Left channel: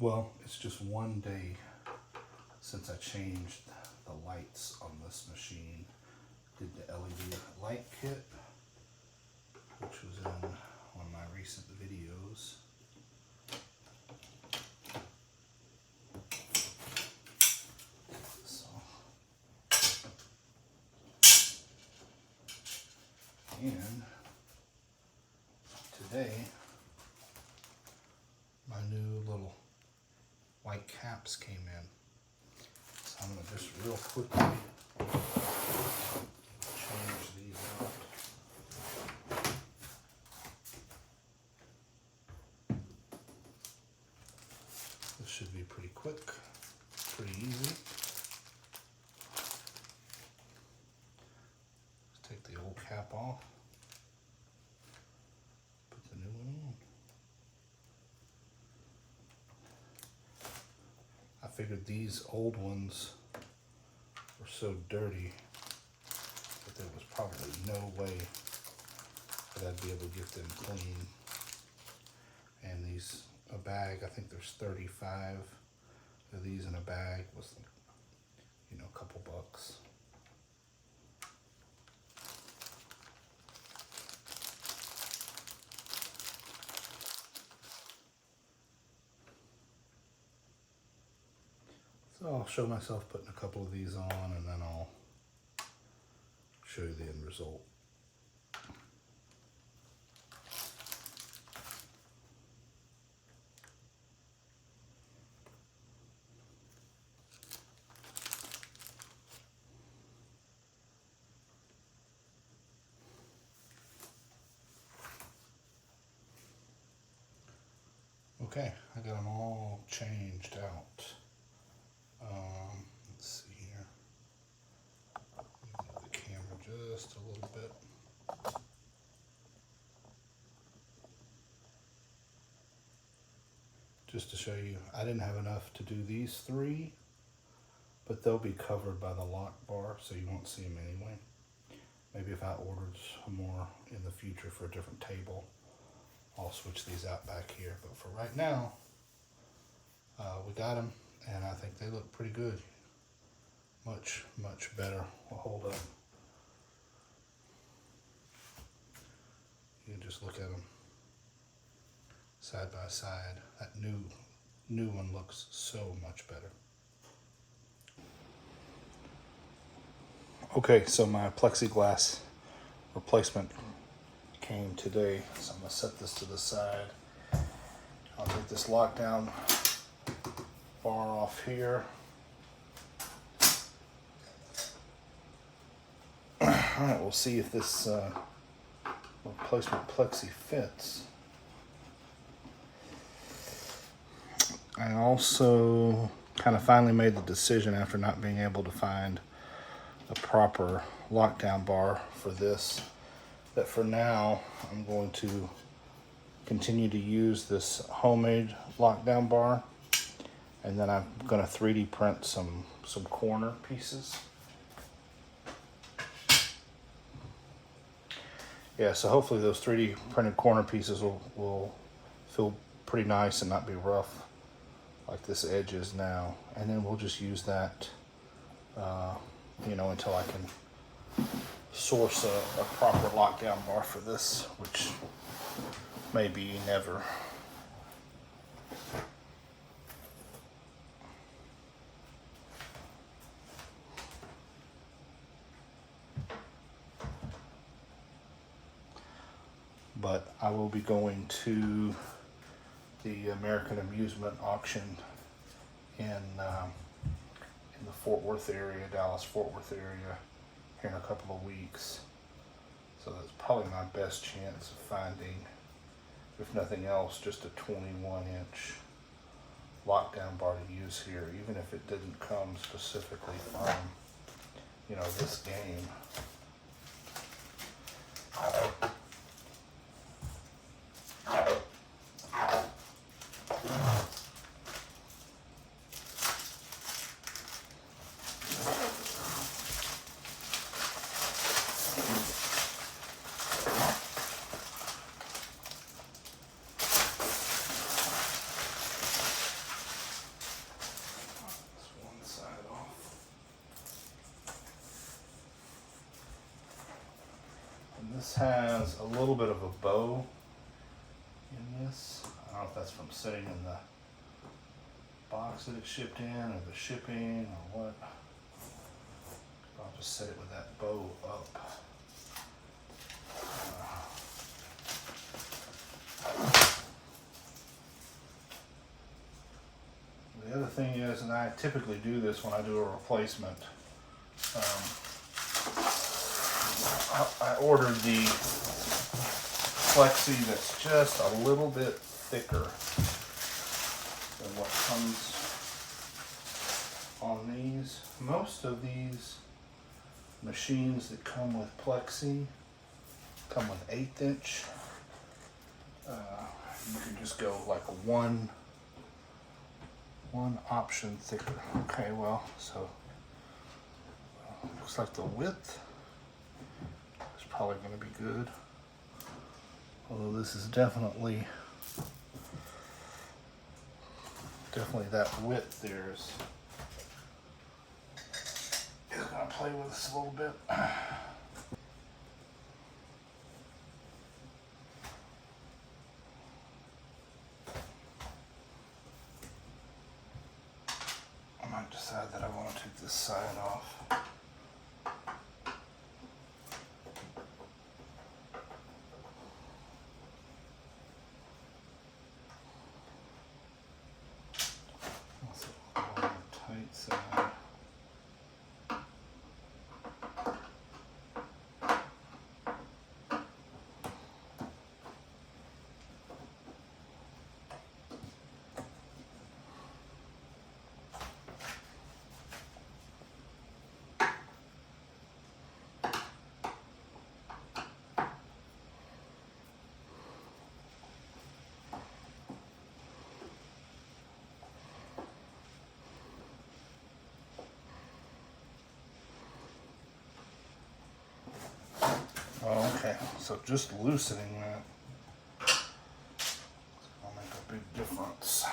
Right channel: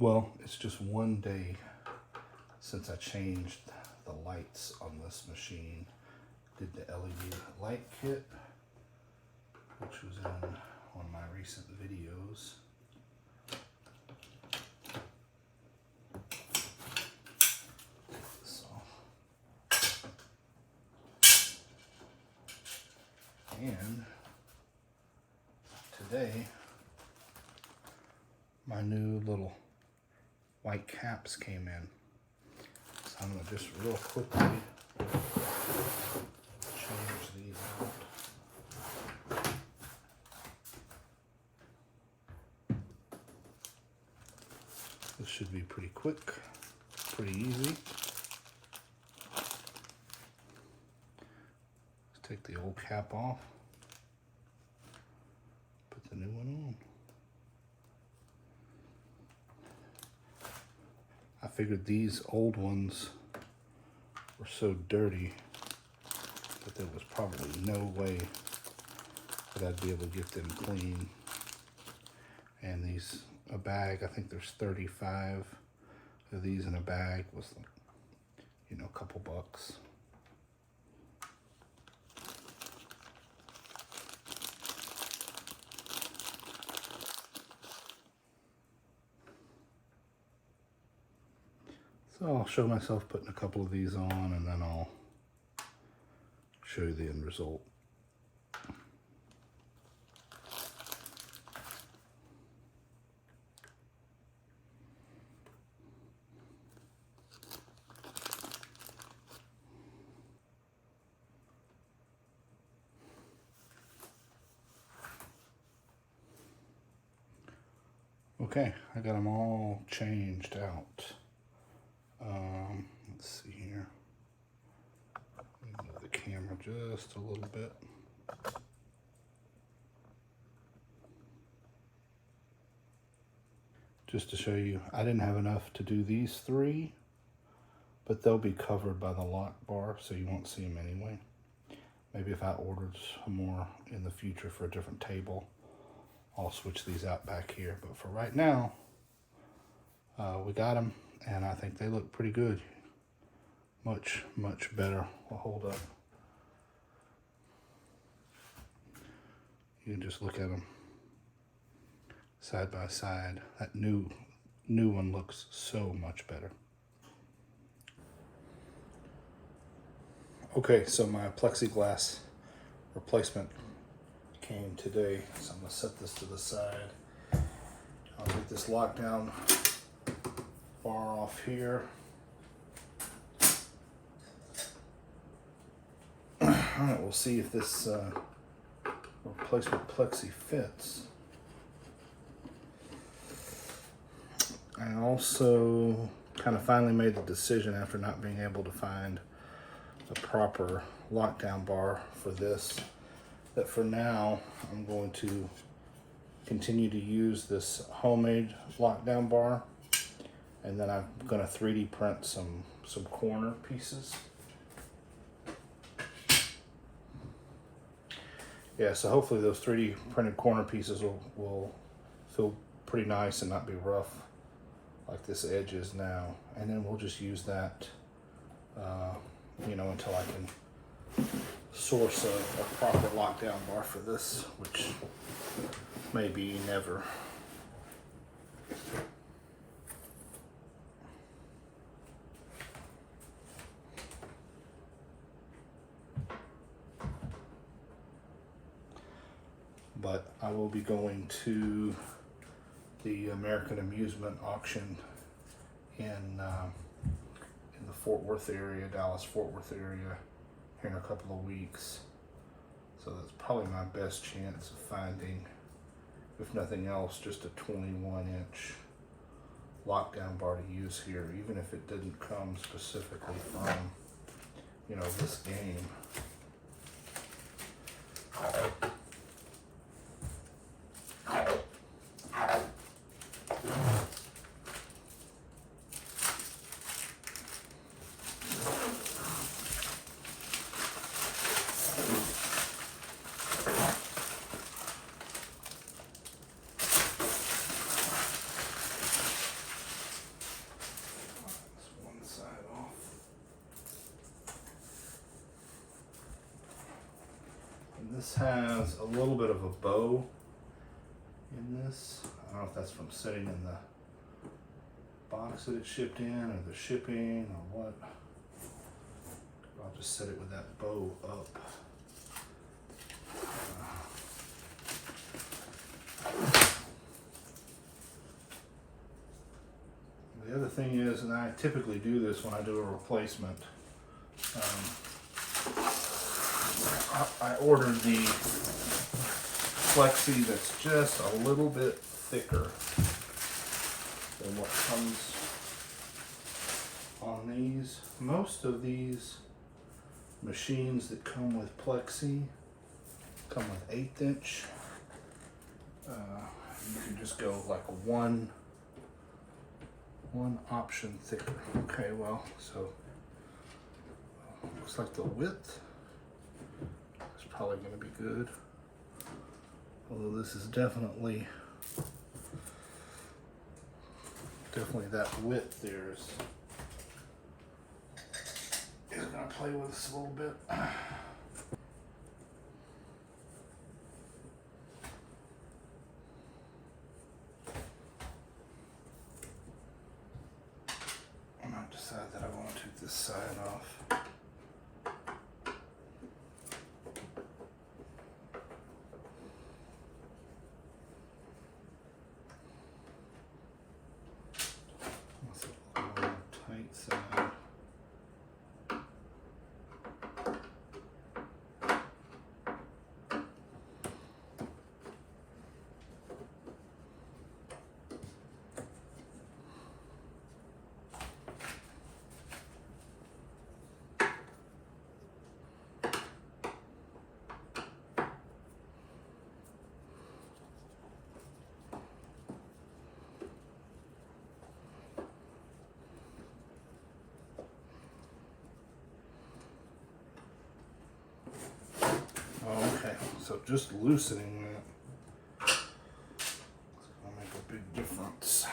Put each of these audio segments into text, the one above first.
Well, it's just one day since I changed the lights on this machine. Did the LED light kit, which was in one of my recent videos. And today, my new little white caps came in. So I'm going to just real quickly change these out. This should be pretty quick, pretty easy. Take the old cap off, put the new one on. I figured these old ones were so dirty that there was probably no way that I'd be able to get them clean. And these, a bag, I think there's 35 of these in a bag, was like, you know, a couple bucks. So I'll show myself putting a couple of these on, and then I'll show you the end result. Okay, I got them all changed out. Let's see here. Move the camera just a little bit. Just to show you, I didn't have enough to do these three, but they'll be covered by the lock bar, so you won't see them anyway. Maybe if I ordered some more in the future for a different table, I'll switch these out back here. But for right now, we got them, and I think they look pretty good. Much, much better. Will hold up. You can just look at them side by side. That new one looks so much better. Okay, so my plexiglass replacement came today, so I'm gonna set this to the side. I'll take this lockdown bar off here. Alright, we'll see if this replacement plexi fits. I also kind of finally made the decision after not being able to find a proper lockdown bar for this, that for now I'm going to continue to use this homemade lockdown bar, and then I'm going to 3D print some corner pieces. Yeah, so hopefully those 3D printed corner pieces will feel pretty nice and not be rough like this edge is now. And then we'll just use that, you know, until I can source a proper lockdown bar for this, which may be never. But I will be going to the American Amusement auction in the Fort Worth area, Dallas-Fort Worth area, here in a couple of weeks. So that's probably my best chance of finding, if nothing else, just a 21-inch lockdown bar to use here, even if it didn't come specifically from, you know, this game. has a little bit of a bow in this. I don't know if that's from sitting in the box that it's shipped in, or the shipping, or what. I'll just set it with that bow up. The other thing is, and I typically do this when I do a replacement, I ordered the plexi that's just a little bit thicker than what comes on these. Most of these machines that come with plexi come with 1/8 inch. You can just go like a one option thicker. Okay, well, so looks like the width is probably going to be good. Although this is definitely that width there is going to play with us a little bit. I might decide that I want to take this side off. Tight side. Okay, so just loosening that will make a big difference.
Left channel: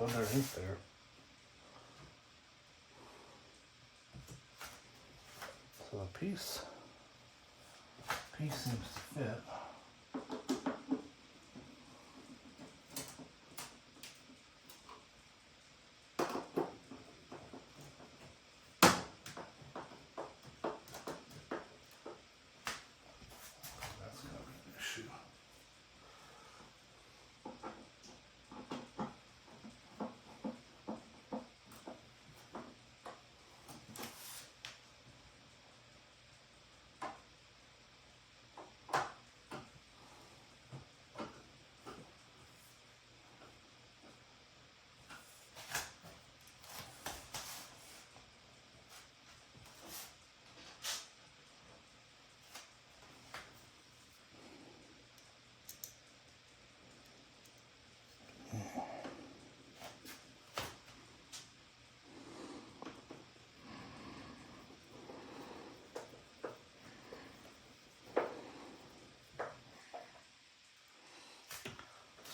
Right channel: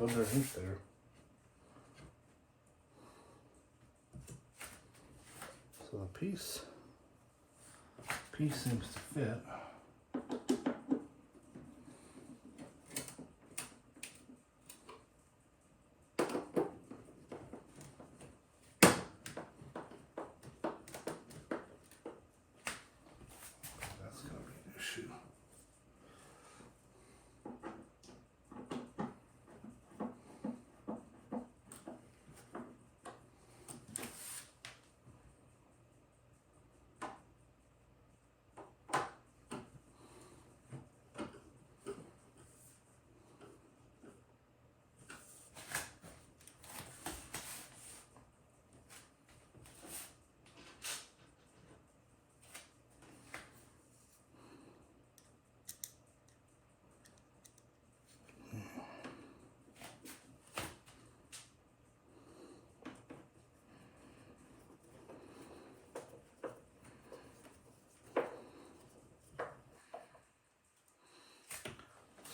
Underneath there. So the piece seems to fit. That's gonna be an issue.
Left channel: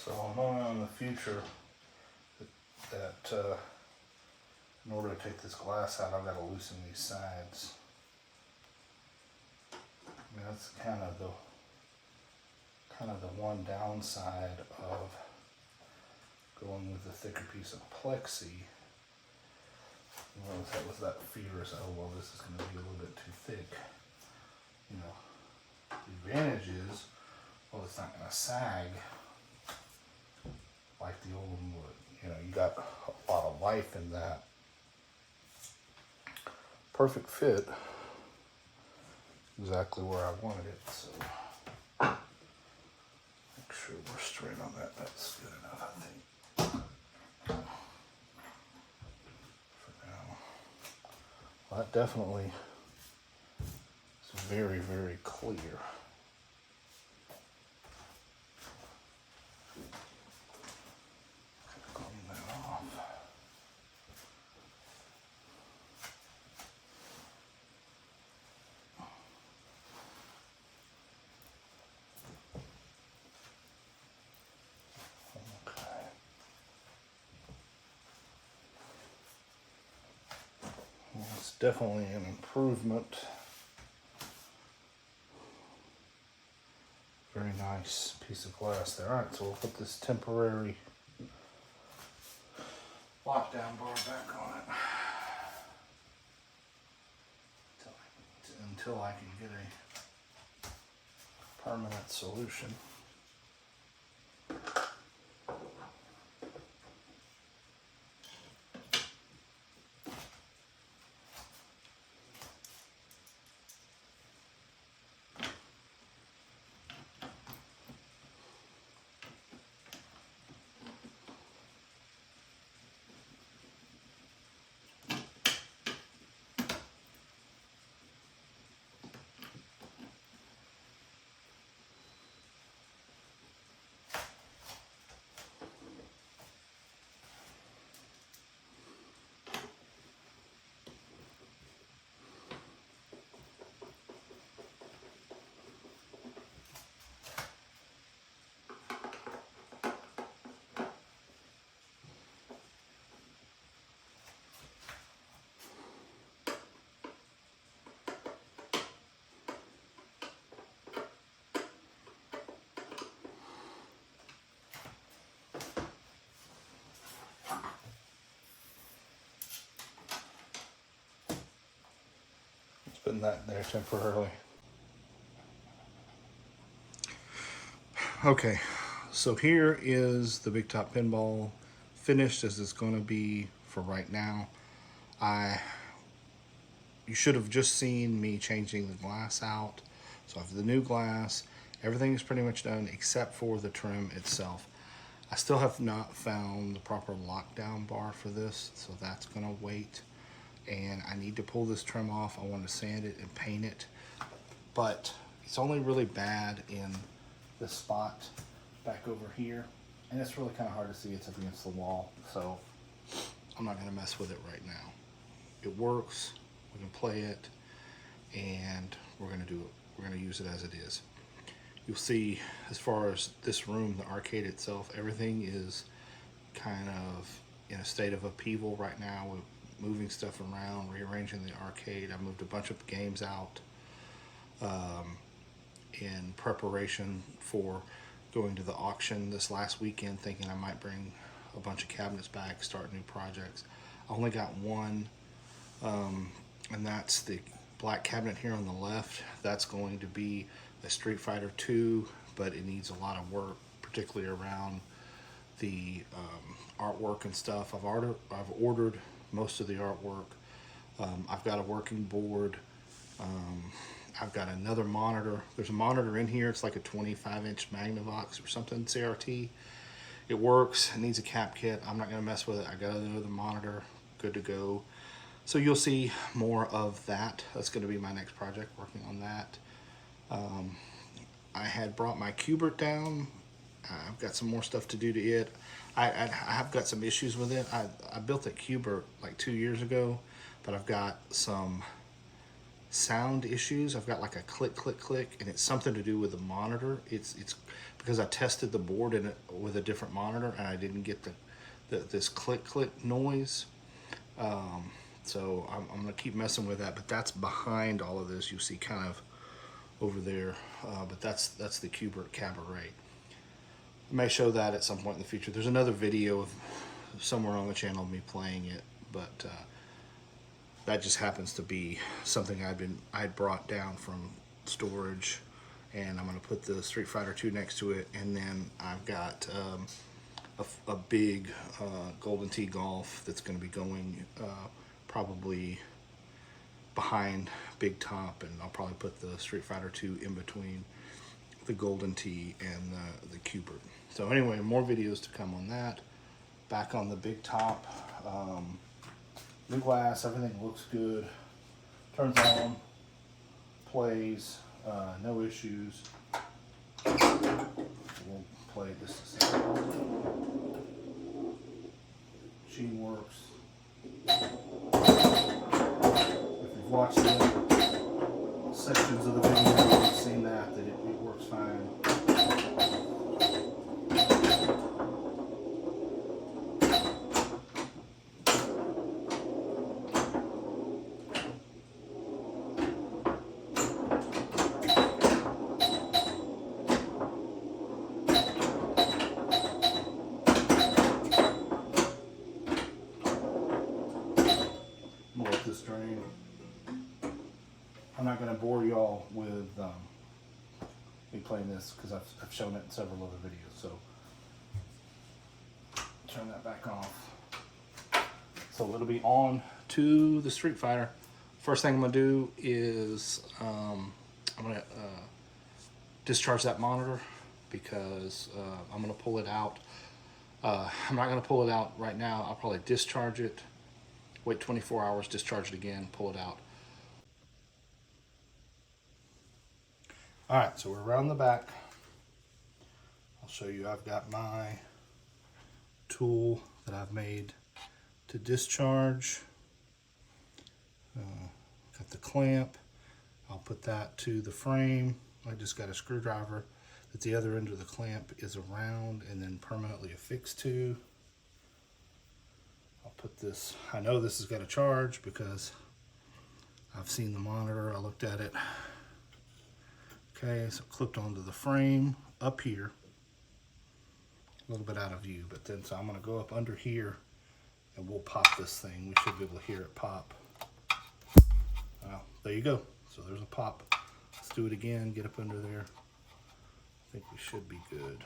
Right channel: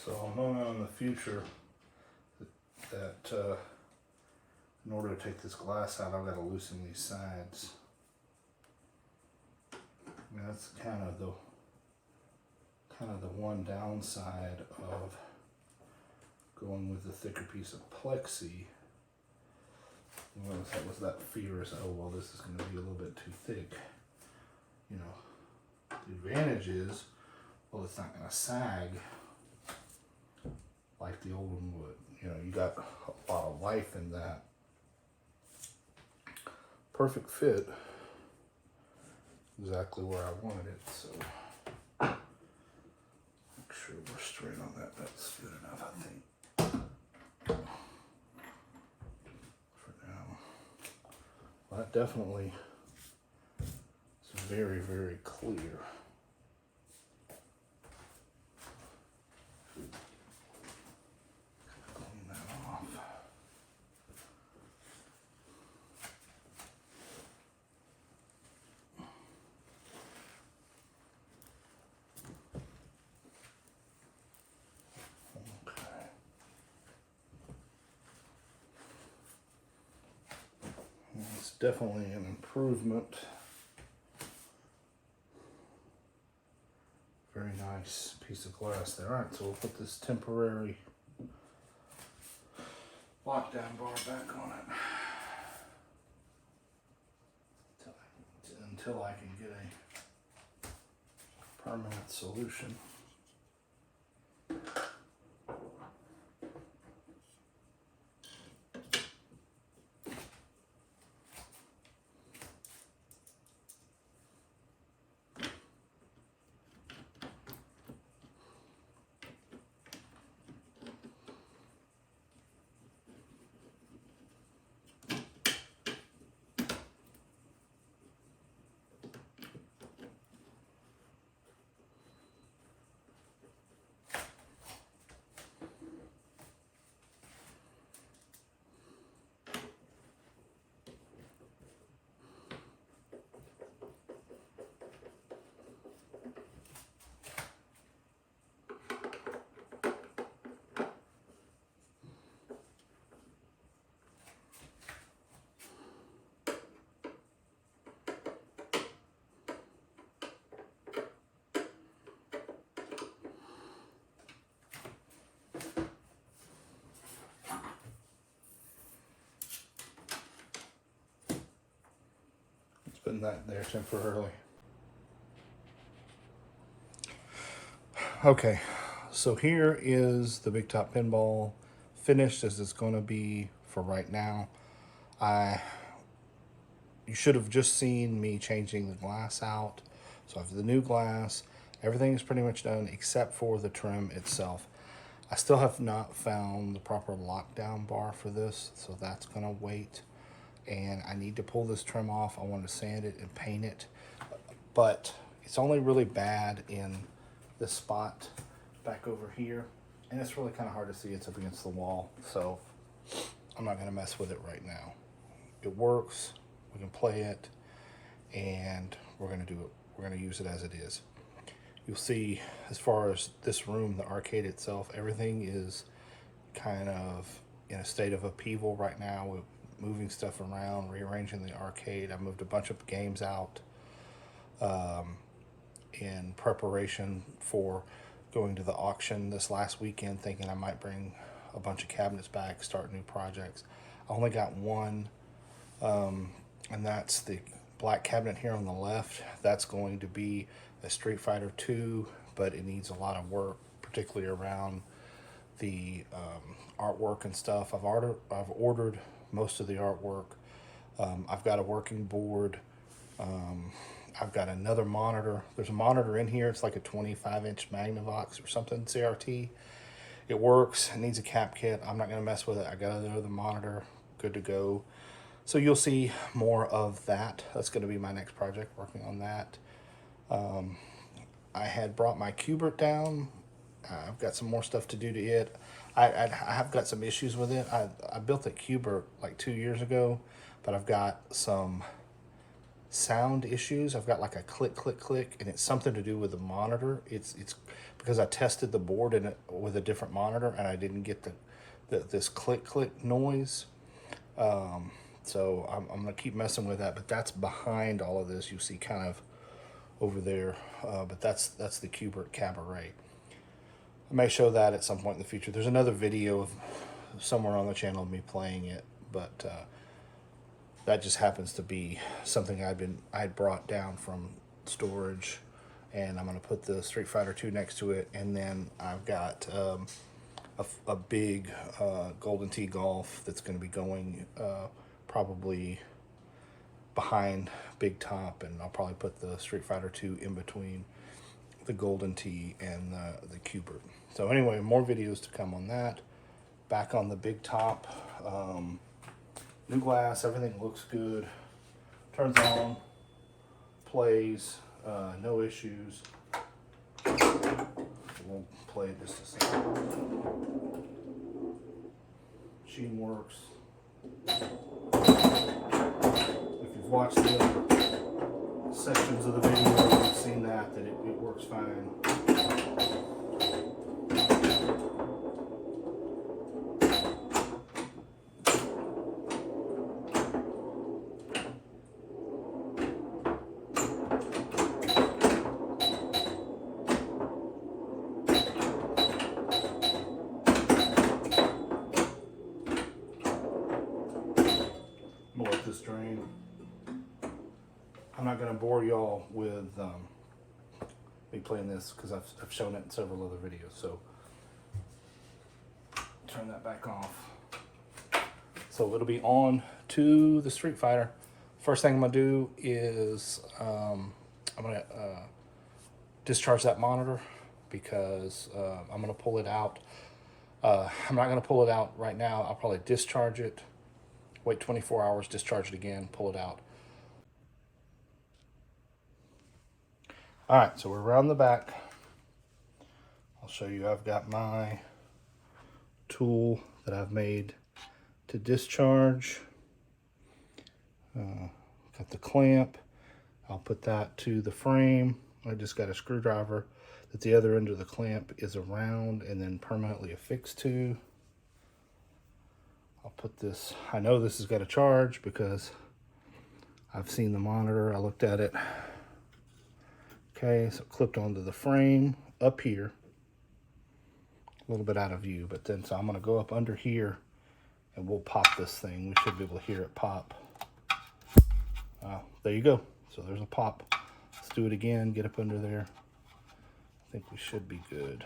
So I'm knowing in the future that in order to take this glass out, I've got to loosen these sides. that's kind of the one downside of going with the thicker piece of plexi. Was that fear is that, oh well, this is going to be a little bit too thick. You know, the advantage is, well, it's not going to sag like the old one would. You know, you got a lot of life in that. Perfect fit, exactly where I wanted it. So make sure we're straight on that. That's good enough, I think. For now, well, that definitely is very, very clear. Clean that off. It's definitely an improvement. Very nice piece of glass there. All right, so we'll put this temporary lockdown bar back on it until I can get a permanent solution. Putting that there temporarily. Okay, so here is the Big Top Pinball finished as it's going to be for right now. You should have just seen me changing the glass out. So I have the new glass. Everything is pretty much done except for the trim itself. I still have not found the proper lockdown bar for this, so that's going to wait. And I need to pull this trim off. I want to sand it and paint it, but it's only really bad in this spot back over here, and it's really kind of hard to see. It's up against the wall, so I'm not going to mess with it right now. It works, we can play it, and we're going to do it. We're going to use it as it is. You'll see, as far as this room, the arcade itself, everything is kind of in a state of upheaval right now. We're moving stuff around, rearranging the arcade. I moved a bunch of games out in preparation for going to the auction this last weekend, thinking I might bring a bunch of cabinets back, start new projects. I only got one, and that's the black cabinet here on the left. That's going to be a Street Fighter 2, but it needs a lot of work, particularly around the artwork and stuff. I've ordered most of the artwork. I've got a working board. I've got another monitor. There's a monitor in here. It's like a 25-inch Magnavox or something, CRT. It works. It needs a cap kit. I'm not going to mess with it. I got another monitor, good to go. So you'll see more of that. That's going to be my next project, working on that. I had brought my Cubert down. I've got some more stuff to do to it. I have got some issues with it. I built a Cubert like 2 years ago, but I've got some sound issues. I've got like a click, click, click, and it's something to do with the monitor. It's because I tested the board in it with a different monitor, and I didn't get this click, click noise. So I'm gonna keep messing with that, but that's behind all of this. You see kind of over there, but that's the Cubert Cabaret. I may show that at some point in the future. There's another video of somewhere on the channel of me playing it, but that just happens to be something I'd brought down from storage, and I'm going to put the Street Fighter 2 next to it, and then I've got a big Golden Tee Golf that's going to be going probably behind Big Top, and I'll probably put the Street Fighter 2 in between the Golden Tee and the Cubert. So anyway, more videos to come on that. Back on the Big Top. New glass, everything looks good. Turns on, plays, no issues. We'll play just a second. Machine works. If you've watched the other sections of the video, you've seen that it works fine. More of this drain. I'm not going to bore y'all with me playing this because I've shown it in several other videos. So turn that back off. So it'll be on to the Street Fighter. First thing I'm going to do is I'm going to discharge that monitor because I'm going to pull it out. I'm not going to pull it out right now. I'll probably discharge it, wait 24 hours, discharge it again, pull it out. All right, so we're around the back. I'll show you, I've got my tool that I've made to discharge. Got the clamp. I'll put that to the frame. I just got a screwdriver that the other end of the clamp is around and then permanently affixed to. I'll put this, I know this has got a charge because I've seen the monitor, I looked at it. Okay, so clipped onto the frame up here, a little bit out of view, but then so I'm going to go up under here and we'll pop this thing. We should be able to hear it pop. There you go. So there's a pop. Let's do it again, get up under there. I think we should be good.